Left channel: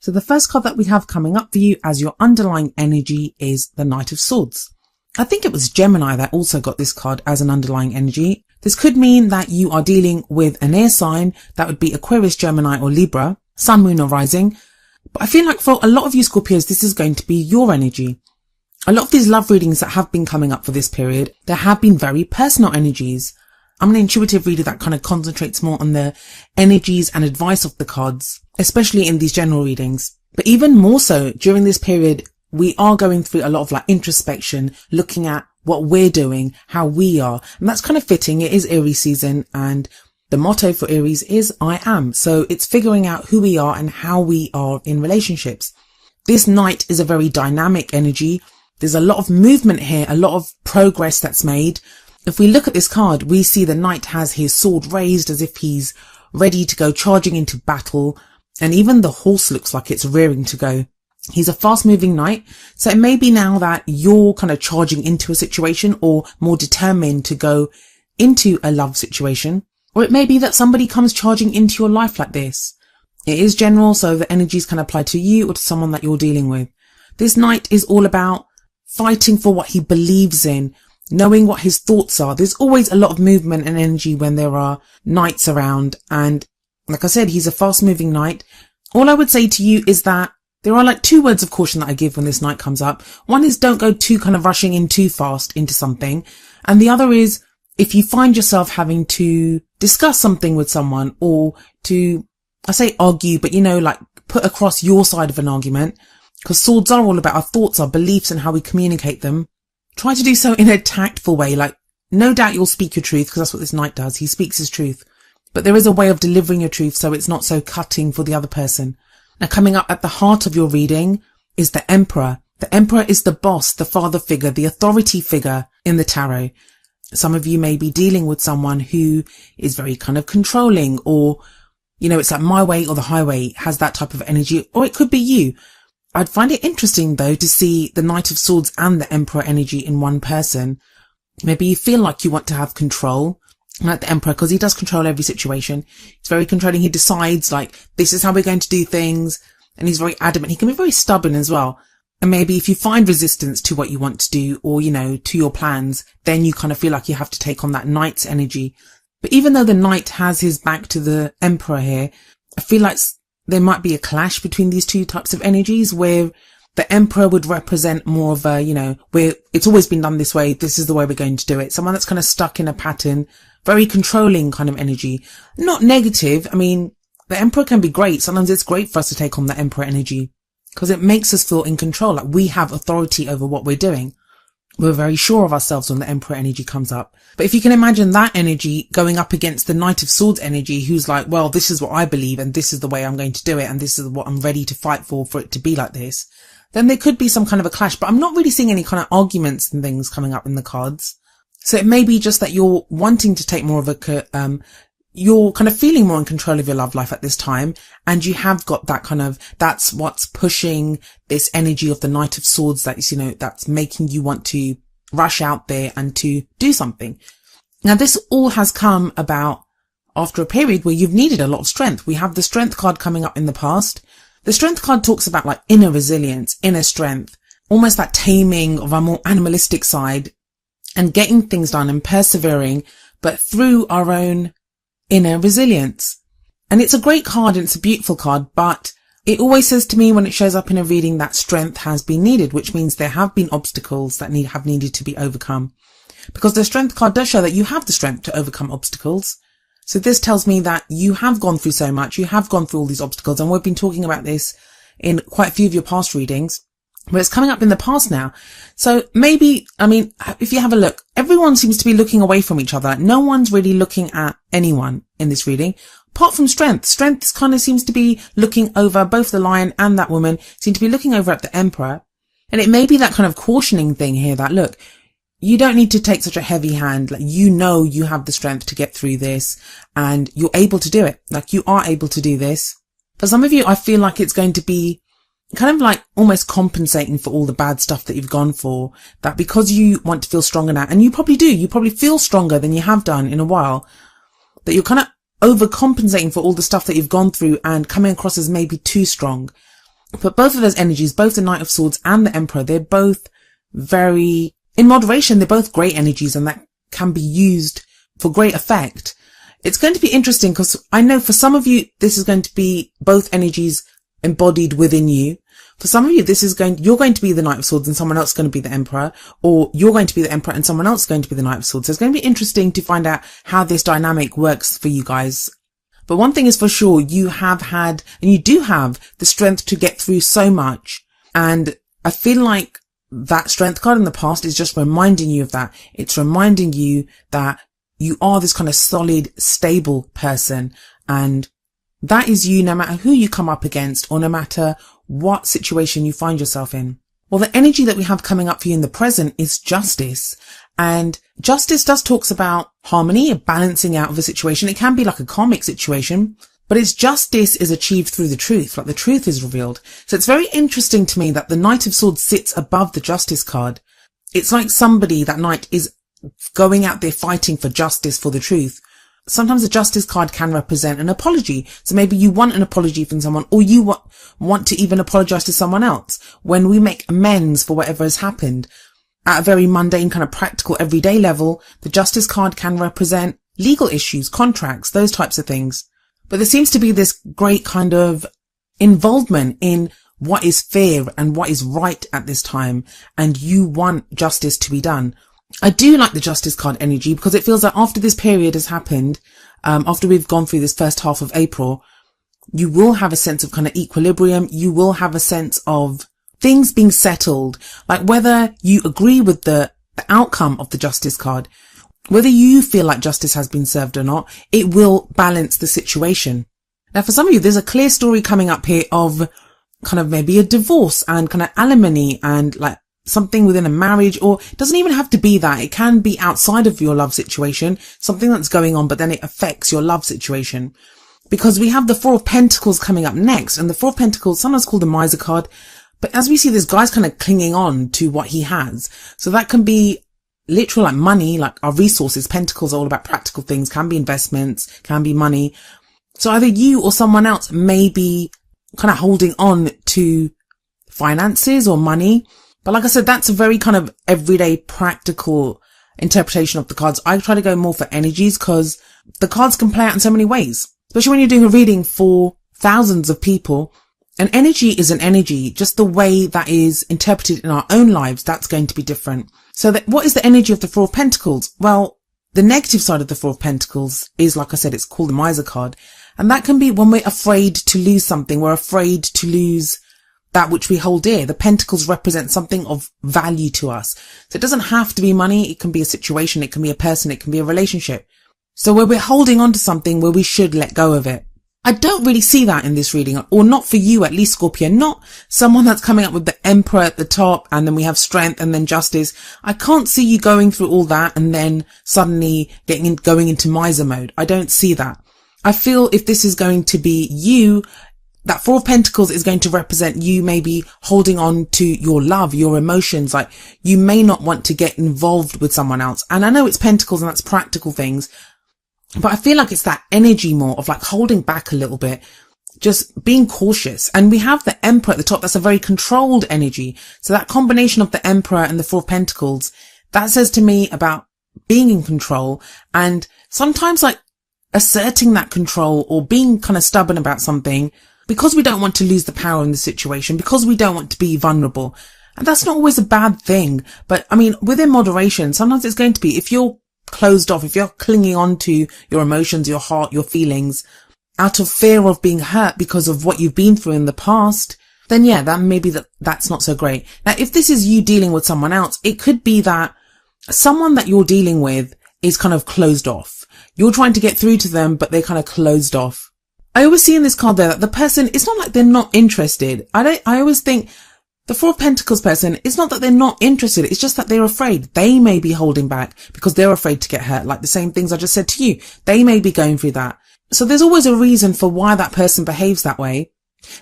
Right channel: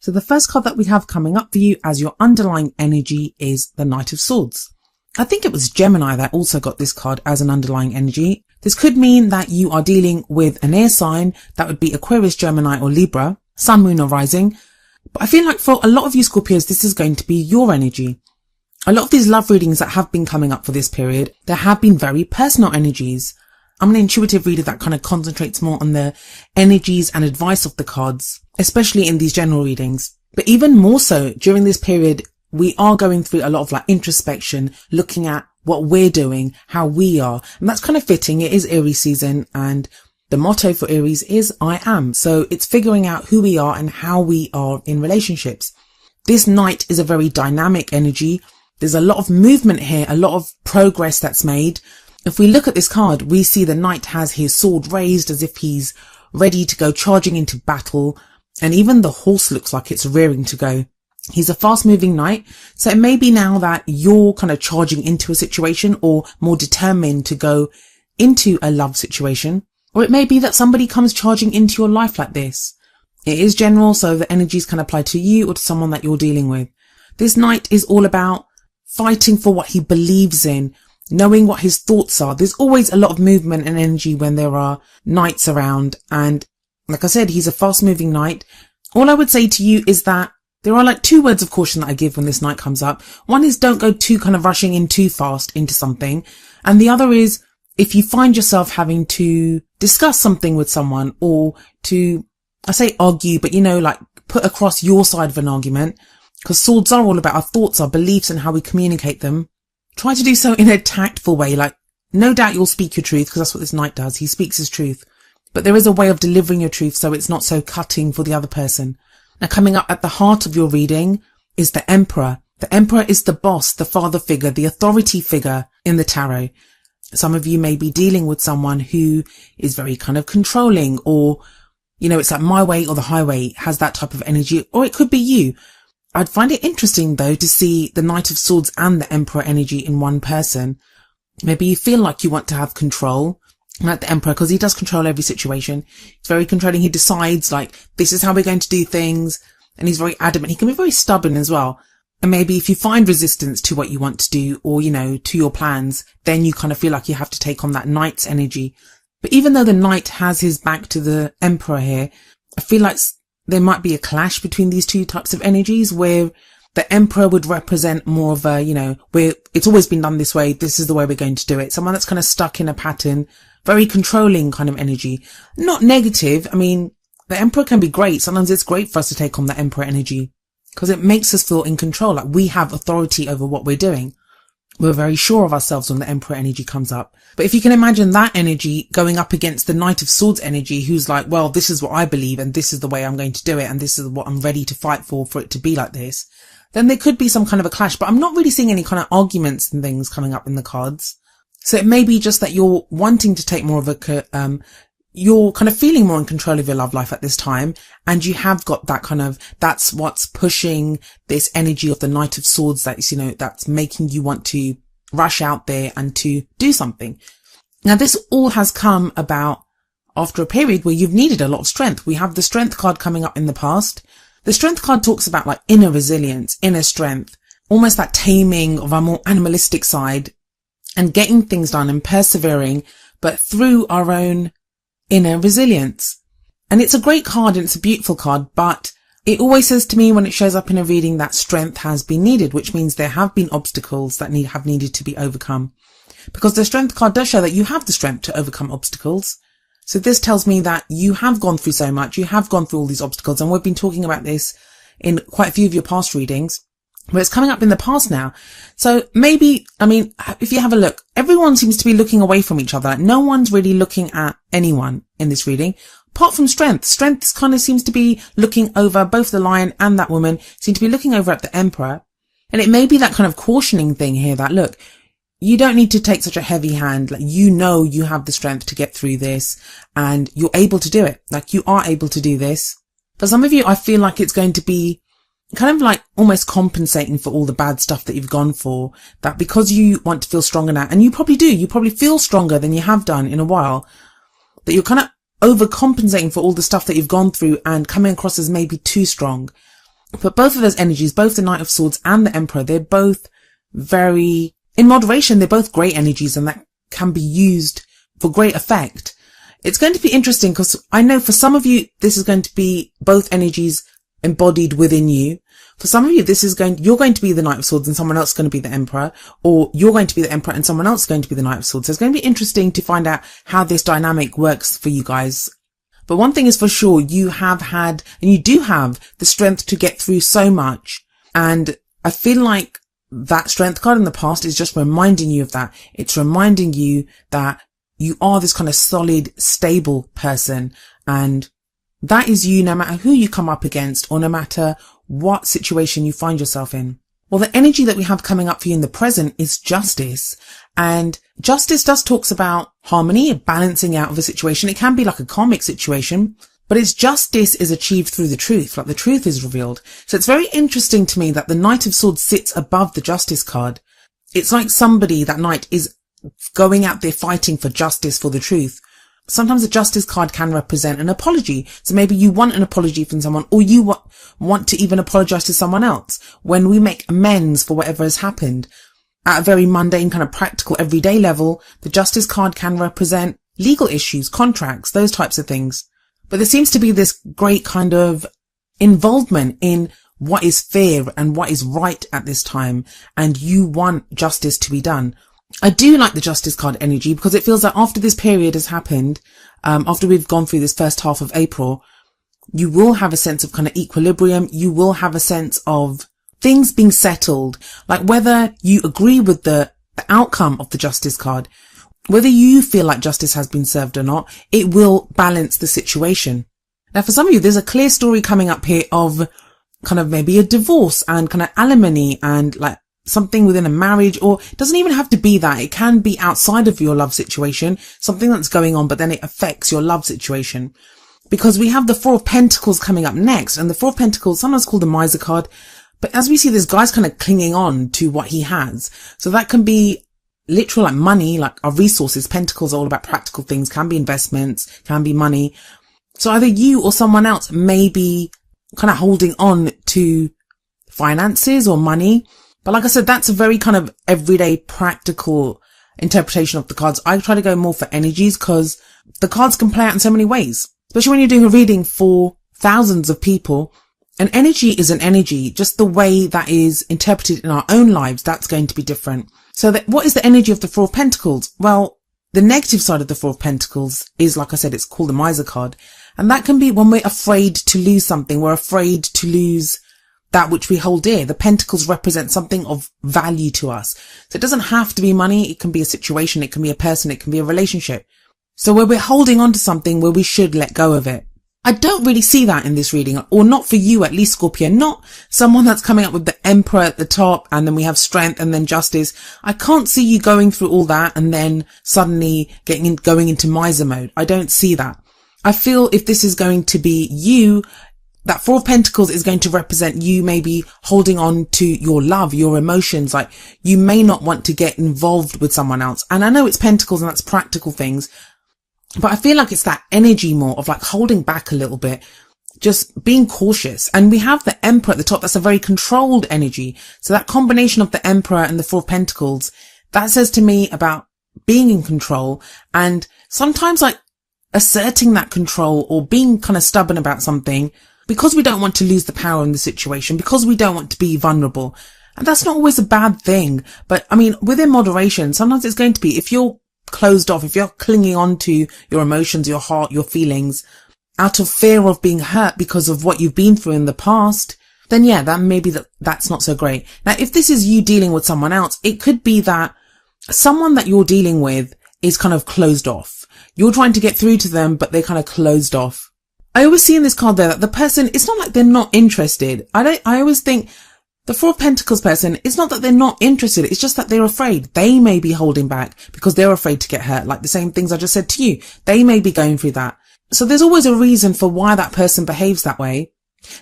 So the first card that we have coming up for you as your underlying energy is the Knight of Swords. I think it was Gemini that also got this card as an underlying energy. This could mean that you are dealing with an air sign. That would be Aquarius, Gemini or Libra, Sun, Moon or Rising. But I feel like for a lot of you Scorpios, this is going to be your energy. A lot of these love readings that have been coming up for this period, there have been very personal energies. I'm an intuitive reader that kind of concentrates more on the energies and advice of the cards, especially in these general readings. But even more so during this period, we are going through a lot of like introspection, looking at what we're doing, how we are. And that's kind of fitting. It is Aries season and the motto for Aries is I am. So it's figuring out who we are and how we are in relationships. This Knight is a very dynamic energy. There's a lot of movement here, a lot of progress that's made. If we look at this card, we see the Knight has his sword raised as if he's ready to go charging into battle. And even the horse looks like it's rearing to go. He's a fast moving knight. So it may be now that you're kind of charging into a situation or more determined to go into a love situation. Or it may be that somebody comes charging into your life like this. It is general, so the energies can apply to you or to someone that you're dealing with. This Knight is all about fighting for what he believes in, knowing what his thoughts are. There's always a lot of movement and energy when there are knights around. And like I said, he's a fast moving knight. All I would say to you is that there are like 2 words of caution that I give when this Knight comes up. One is don't go too kind of rushing in too fast into something. And the other is if you find yourself having to discuss something with someone or to, I say argue, but like put across your side of an argument, because swords are all about our thoughts, our beliefs and how we communicate them. Try to do so in a tactful way. Like no doubt you'll speak your truth because that's what this Knight does. He speaks his truth, but there is a way of delivering your truth so it's not so cutting for the other person. Now coming up at the heart of your reading is the Emperor. The Emperor is the boss, the father figure, the authority figure in the tarot. Some of you may be dealing with someone who is very kind of controlling or, it's like my way or the highway, has that type of energy, or it could be you. I'd find it interesting though to see the Knight of Swords and the Emperor energy in one person. Maybe you feel like you want to have control. Like the Emperor, because he does control every situation. He's very controlling. He decides like, this is how we're going to do things. And he's very adamant. He can be very stubborn as well. And maybe if you find resistance to what you want to do or, to your plans, then you kind of feel like you have to take on that Knight's energy. But even though the Knight has his back to the Emperor here, I feel like there might be a clash between these 2 types of energies where the Emperor would represent more of a, where it's always been done this way. This is the way we're going to do it. Someone that's kind of stuck in a pattern. Very controlling kind of energy. Not negative. I mean, the Emperor can be great. Sometimes it's great for us to take on the Emperor energy because it makes us feel in control. Like we have authority over what we're doing. We're very sure of ourselves when the Emperor energy comes up. But if you can imagine that energy going up against the Knight of Swords energy, who's like, well, this is what I believe and this is the way I'm going to do it and this is what I'm ready to fight for it to be like this, then there could be some kind of a clash. But I'm not really seeing any kind of arguments and things coming up in the cards. So it may be just that you're wanting to take more of a, you're kind of feeling more in control of your love life at this time. And you have got that kind of, that's what's pushing this energy of the Knight of Swords that's, that's making you want to rush out there and to do something. Now, this all has come about after a period where you've needed a lot of strength. We have the Strength card coming up in the past. The Strength card talks about like inner resilience, inner strength, almost that taming of our more animalistic side. And getting things done and persevering, but through our own inner resilience. And it's a great card and it's a beautiful card, but it always says to me when it shows up in a reading that strength has been needed, which means there have been obstacles that have needed to be overcome. Because the Strength card does show that you have the strength to overcome obstacles. So this tells me that you have gone through so much, you have gone through all these obstacles, and we've been talking about this in quite a few of your past readings. But it's coming up in the past now. So maybe, if you have a look, everyone seems to be looking away from each other. No one's really looking at anyone in this reading, apart from Strength. Strength kind of seems to be looking over, both the Lion and that woman seem to be looking over at the Emperor. And it may be that kind of cautioning thing here that, look, you don't need to take such a heavy hand. Like, you have the strength to get through this and you're able to do it. Like, you are able to do this. For some of you, I feel like it's going to be kind of like almost compensating for all the bad stuff that you've gone for, that because you want to feel stronger now, and you probably do, you probably feel stronger than you have done in a while, that you're kind of overcompensating for all the stuff that you've gone through and coming across as maybe too strong. But both of those energies, both the Knight of Swords and the Emperor, they're both very, in moderation, they're both great energies and that can be used for great effect. It's going to be interesting because I know for some of you, this is going to be both energies embodied within you. For some of you, you're going to be the Knight of Swords and someone else is going to be the Emperor, or you're going to be the Emperor and someone else is going to be the Knight of Swords. So it's going to be interesting to find out how this dynamic works for you guys. But one thing is for sure, you have had, and you do have the strength to get through so much. And I feel like that strength card in the past is just reminding you of that. It's reminding you that you are this kind of solid, stable person. And that is you no matter who you come up against or no matter what situation you find yourself in. Well, the energy that we have coming up for you in the present is justice. And justice does talks about harmony, a balancing out of a situation. It can be like a karmic situation, but its justice is achieved through the truth, like the truth is revealed. So it's very interesting to me that the Knight of Swords sits above the justice card. It's like somebody, that knight, is going out there fighting for justice, for the truth. Sometimes the justice card can represent an apology. So maybe you want an apology from someone, or you want to even apologize to someone else. When we make amends for whatever has happened, at a very mundane, kind of practical, everyday level, the justice card can represent legal issues, contracts, those types of things. But there seems to be this great kind of involvement in what is fair and what is right at this time. And you want justice to be done. I do like the justice card energy because it feels like after this period has happened, after we've gone through this first half of April, you will have a sense of kind of equilibrium. You will have a sense of things being settled, like whether you agree with the outcome of the justice card, whether you feel like justice has been served or not, it will balance the situation. Now, for some of you, there's a clear story coming up here of kind of maybe a divorce and kind of alimony and like something within a marriage, or it doesn't even have to be that. It can be outside of your love situation, something that's going on, but then it affects your love situation. Because we have the Four of Pentacles coming up next, and the Four of Pentacles, sometimes called the Miser card. But as we see, this guy's kind of clinging on to what he has. So that can be literal, like money, like our resources. Pentacles are all about practical things, can be investments, can be money. So either you or someone else may be kind of holding on to finances or money. But like I said, that's a very kind of everyday practical interpretation of the cards. I try to go more for energies because the cards can play out in so many ways, especially when you're doing a reading for thousands of people. An energy is an energy, just the way that is interpreted in our own lives, that's going to be different. So what is the energy of the Four of Pentacles? Well, the negative side of the Four of Pentacles is, like I said, it's called the Miser card. And that can be when we're afraid to lose something. We're afraid to lose that which we hold dear. The pentacles represent something of value to us. So it doesn't have to be money. It can be a situation. It can be a person. It can be a relationship. So where we're holding on to something where we should let go of it. I don't really see that in this reading, or not for you, at least, Scorpio. Not someone that's coming up with the Emperor at the top and then we have strength and then justice. I can't see you going through all that and then suddenly going into miser mode. I don't see that. I feel if this is going to be you, that Four of Pentacles is going to represent you maybe holding on to your love, your emotions. Like you may not want to get involved with someone else. And I know it's Pentacles and that's practical things, but I feel like it's that energy more of like holding back a little bit, just being cautious. And we have the Emperor at the top. That's a very controlled energy. So that combination of the Emperor and the Four of Pentacles, that says to me about being in control and sometimes like asserting that control or being kind of stubborn about something because we don't want to lose the power in the situation, because we don't want to be vulnerable. And that's not always a bad thing. But I mean, within moderation, sometimes it's going to be, if you're closed off, if you're clinging on to your emotions, your heart, your feelings, out of fear of being hurt because of what you've been through in the past, then yeah, that maybe that's not so great. Now, if this is you dealing with someone else, it could be that someone that you're dealing with is kind of closed off. You're trying to get through to them, but they're kind of closed off. I always see in this card though that the person, it's not like they're not interested. I always think the Four of Pentacles person, it's not that they're not interested. It's just that they're afraid. They may be holding back because they're afraid to get hurt. Like the same things I just said to you. They may be going through that. So there's always a reason for why that person behaves that way.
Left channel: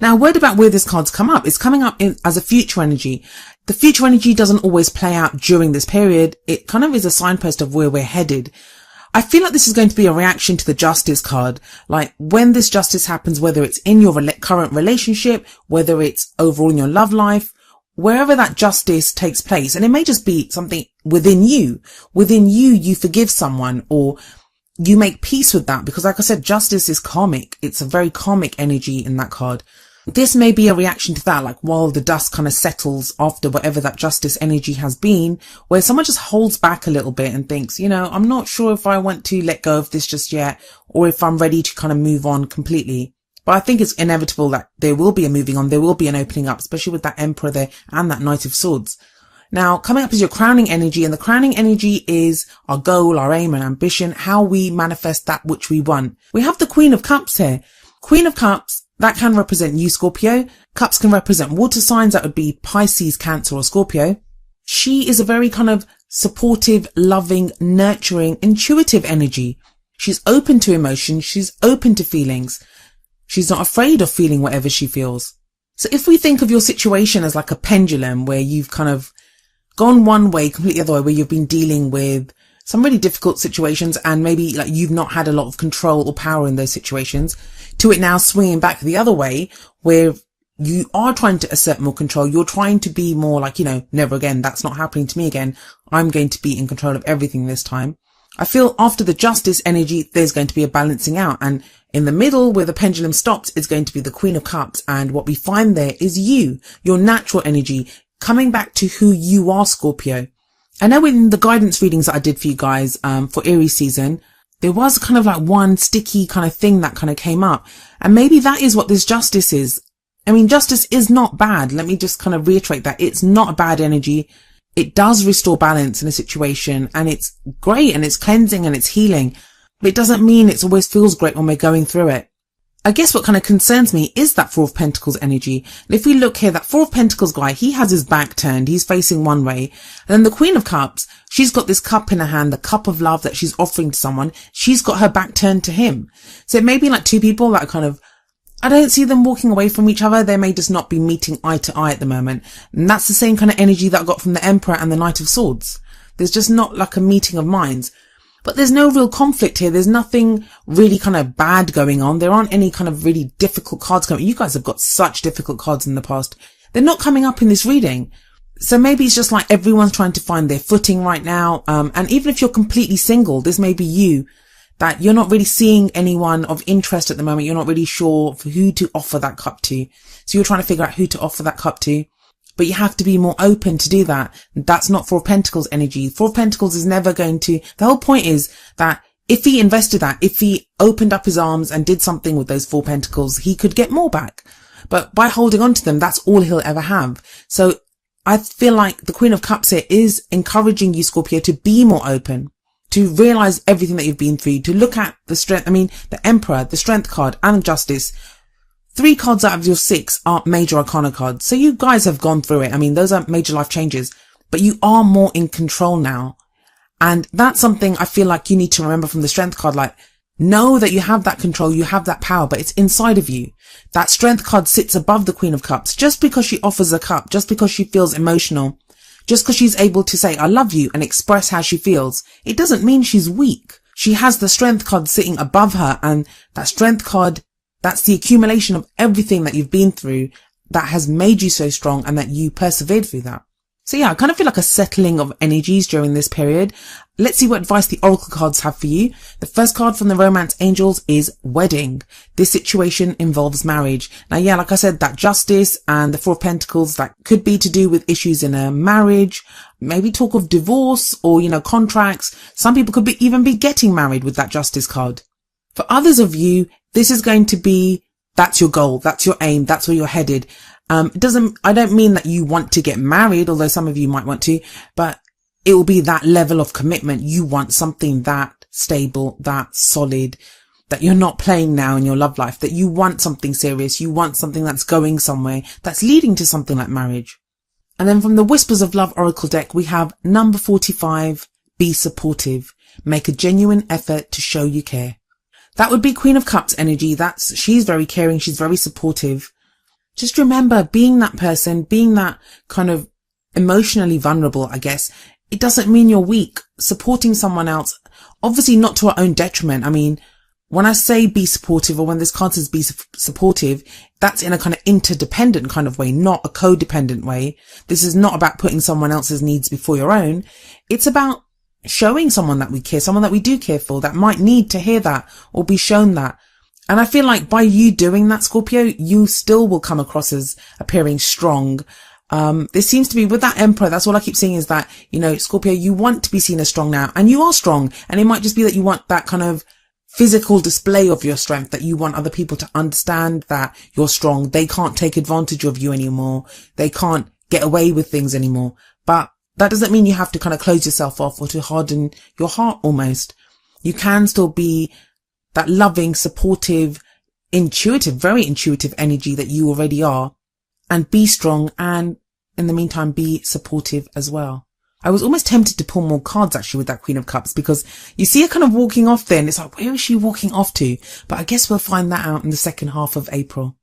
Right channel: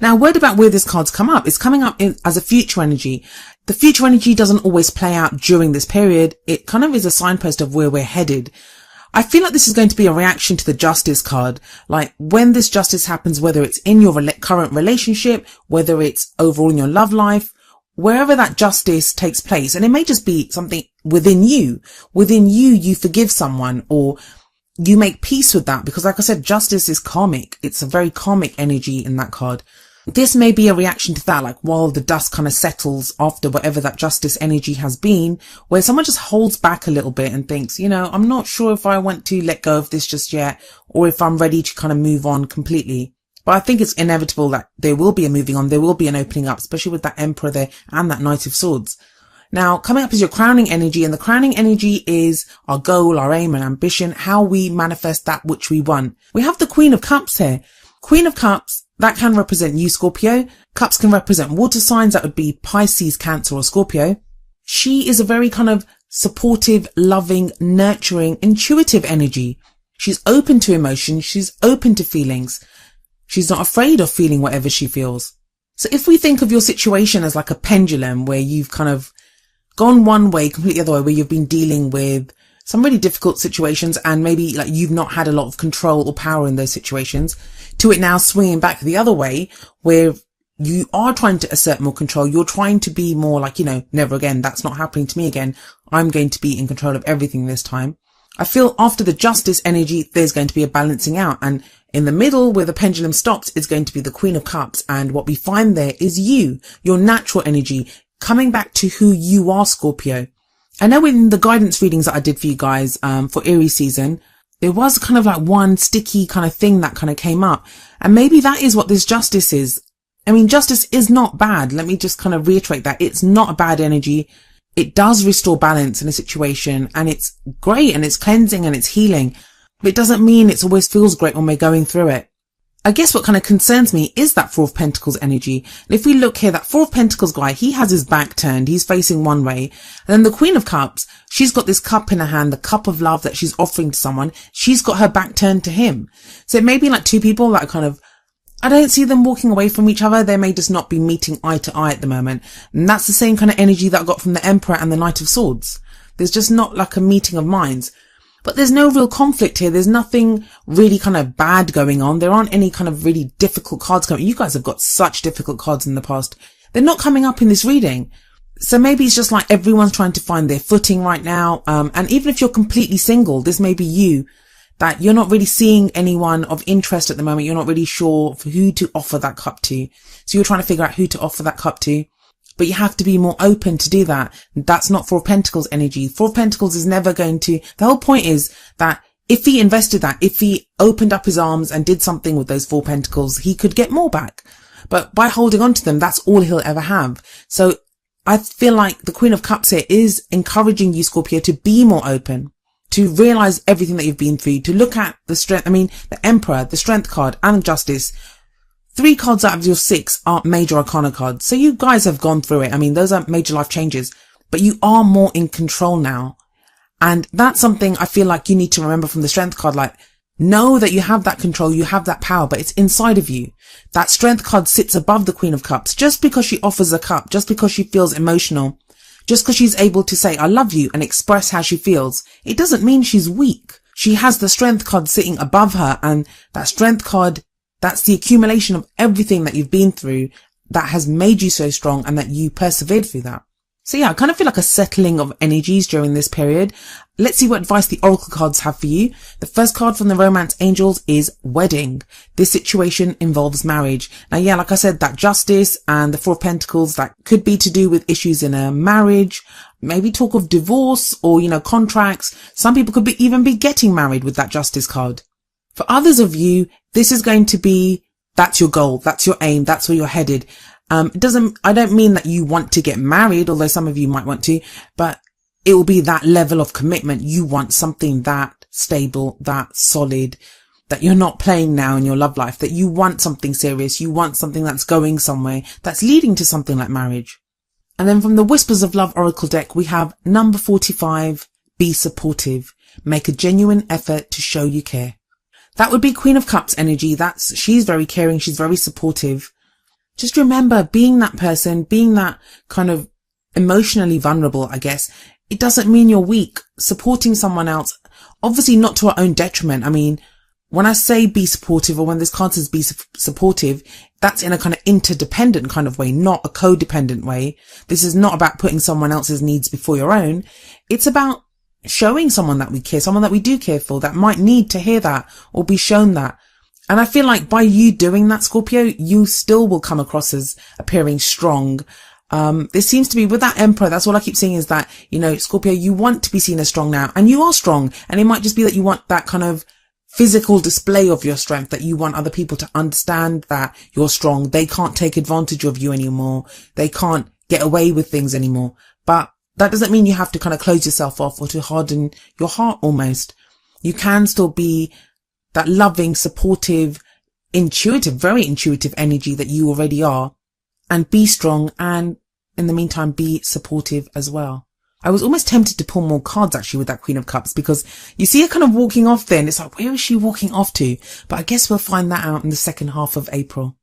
Now, a word about where this card's come up. It's coming up as a future energy. The future energy doesn't always play out during this period. It kind of is a signpost of where we're headed. I feel like this is going to be a reaction to the Justice card. Like when this justice happens, whether it's in your current relationship, whether it's overall in your love life, wherever that justice takes place, and it may just be something within you, you forgive someone or you make peace with that, because like I said, justice is karmic. It's a very karmic energy in that card. This may be a reaction to that, like while the dust kind of settles after whatever that justice energy has been, where someone just holds back a little bit and thinks, you know, I'm not sure if I want to let go of this just yet, or if I'm ready to kind of move on completely. But I think it's inevitable that there will be a moving on, there will be an opening up, especially with that Emperor there and that Knight of Swords. Now, coming up is your crowning energy, and the crowning energy is our goal, our aim and ambition, how we manifest that which we want. We have the Queen of Cups here. Queen of Cups, that can represent you, Scorpio. Cups can represent water signs, that would be Pisces, Cancer or Scorpio. She is a very kind of supportive, loving, nurturing, intuitive energy. She's open to emotion, she's open to feelings. She's not afraid of feeling whatever she feels. So if we think of your situation as like a pendulum where you've kind of gone one way, completely other way, where you've been dealing with some really difficult situations and maybe like you've not had a lot of control or power in those situations, to it now swinging back the other way where you are trying to assert more control. You're trying to be more like, you know, never again, that's not happening to me again. I'm going to be in control of everything this time. I feel after the justice energy, there's going to be a balancing out, and in the middle where the pendulum stops, it's going to be the Queen of Cups. And what we find there is you, your natural energy, coming back to who you are, Scorpio. I know in the guidance readings that I did for you guys, for Aries season, there was kind of like one sticky kind of thing that kind of came up. And maybe that is what this justice is. I mean, justice is not bad. Let me just kind of reiterate that. It's not a bad energy. It does restore balance in a situation, and it's great, and it's cleansing, and it's healing. But it doesn't mean it always feels great when we're going through it. I guess what kind of concerns me is that Four of Pentacles energy. If we look here, that Four of Pentacles guy, he has his back turned. He's facing one way. And then the Queen of Cups, she's got this cup in her hand, the cup of love that she's offering to someone. She's got her back turned to him. So it may be like two people that kind of, I don't see them walking away from each other. They may just not be meeting eye to eye at the moment. And that's the same kind of energy that I got from the Emperor and the Knight of Swords. There's just not like a meeting of minds. But there's no real conflict here. There's nothing really kind of bad going on. There aren't any kind of really difficult cards going. You guys have got such difficult cards in the past. They're not coming up in this reading. So maybe it's just like everyone's trying to find their footing right now. And even if you're completely single, this may be you, that you're not really seeing anyone of interest at the moment. You're not really sure for who to offer that cup to. So you're trying to figure out who to offer that cup to. But you have to be more open to do that. That's not Four of Pentacles energy. Four of Pentacles is never going to... The whole point is that if he invested that, if he opened up his arms and did something with those Four Pentacles, he could get more back. But by holding on to them, that's all he'll ever have. So I feel like the Queen of Cups here is encouraging you, Scorpio, to be more open, to realize everything that you've been through, to look at the strength. I mean, the Emperor, the Strength card, and Justice. 3 cards out of your 6 are major arcana cards. So you guys have gone through it. I mean, those are major life changes, but you are more in control now. And that's something I feel like you need to remember from the Strength card. Like, know that you have that control, you have that power, but it's inside of you. That Strength card sits above the Queen of Cups. Just because she offers a cup, just because she feels emotional, just because she's able to say, I love you, and express how she feels, it doesn't mean she's weak. She has the Strength card sitting above her, and that Strength card, that's the accumulation of everything that you've been through that has made you so strong and that you persevered through that. So yeah, I kind of feel like a settling of energies during this period. Let's see what advice the Oracle cards have for you. The first card from the Romance Angels is Wedding. This situation involves marriage. Now yeah, like I said, that Justice and the Four of Pentacles, that could be to do with issues in a marriage, maybe talk of divorce or, you know, contracts. Some people could even be getting married with that Justice card. For others of you, this is going to be, that's your goal, that's your aim, that's where you're headed. I don't mean that you want to get married, although some of you might want to, but it will be that level of commitment. You want something that stable, that solid, that you're not playing now in your love life, that you want something serious, you want something that's going somewhere, that's leading to something like marriage. And then from the Whispers of Love Oracle deck, we have number 45, be supportive. Make a genuine effort to show you care. That would be Queen of Cups energy. She's very caring. She's very supportive. Just remember, being that person, being that kind of emotionally vulnerable, I guess, it doesn't mean you're weak. Supporting someone else, obviously not to our own detriment. I mean, when I say be supportive, or when this card says be supportive, that's in a kind of interdependent kind of way, not a codependent way. This is not about putting someone else's needs before your own. It's about showing someone that we care, someone that we do care for, that might need to hear that or be shown that. And I feel like by you doing that, Scorpio, you still will come across as appearing strong. There seems to be, with that Emperor, that's all I keep seeing is that, you know, Scorpio, you want to be seen as strong now, and you are strong. And it might just be that you want that kind of physical display of your strength, that you want other people to understand that you're strong. They can't take advantage of you anymore. They can't get away with things anymore. But that doesn't mean you have to kind of close yourself off or to harden your heart almost. You can still be that loving, supportive, intuitive, very intuitive energy that you already are, and be strong, and in the meantime be supportive as well. I was almost tempted to pull more cards actually with that Queen of Cups, because you see her kind of walking off there, and it's like, where is she walking off to? But I guess we'll find that out in the second half of April.